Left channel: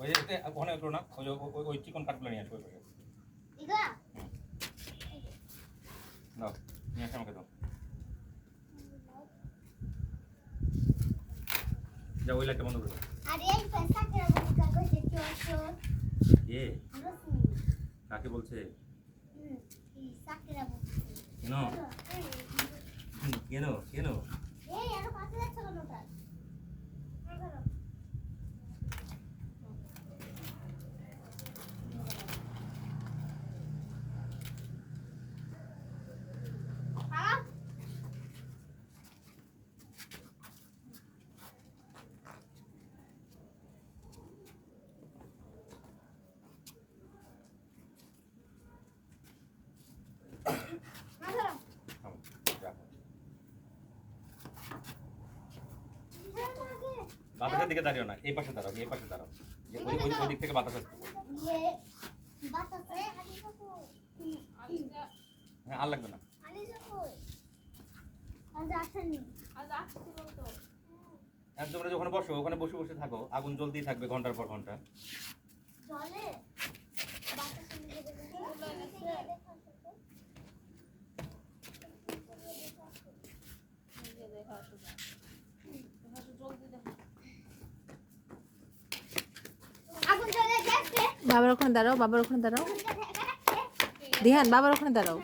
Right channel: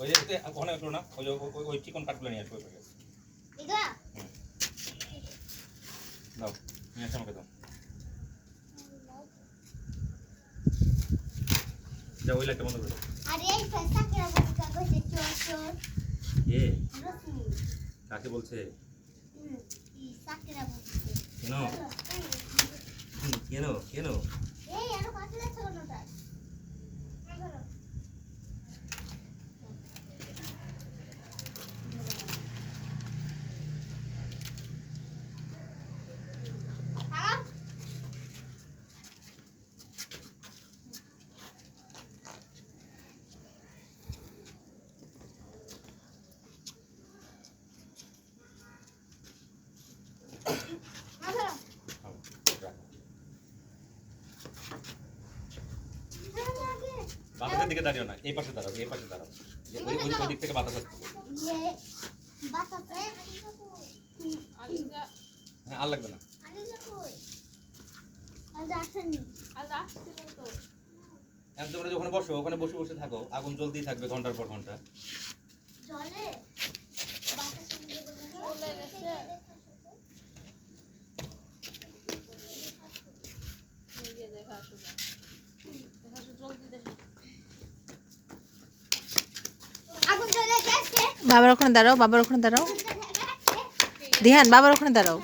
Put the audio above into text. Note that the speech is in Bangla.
ওই যে ওখানে একটু না ওই ওই চিকন কাঠগুলো নিয়ে আসবো ওই পাশে দাও নিয়ে আসো আমাকে দাও যাও ওই লাইটটা বন্ধ করে দাও আরে এই পয়সা কে বলতে কইছে চোর চোর কে রশ্মি কাকে বলছে এই সাকিরা বলছে কেন কেন কেন এই এত কাছে যাচ্ছে কেন তাই বাতাসের দিকে দাঁড়িও না এই পাশে দাঁড়াও এই পাশে দাঁড়াও ওই ওই দিক থেকে বাতাস আসছে হ্যাঁ আর লাগবে না তোমরা যে ওখানে বসো ওখানে বসে বসে থাকো আগুন জ্বলতেই থাকবে ঘন্টার পর ঘন্টা বাবার ওখানে দাঁড়াও, বাবার ওখানে দাঁড়াও, ধ্যান বাবার ওখানে দাঁড়াও।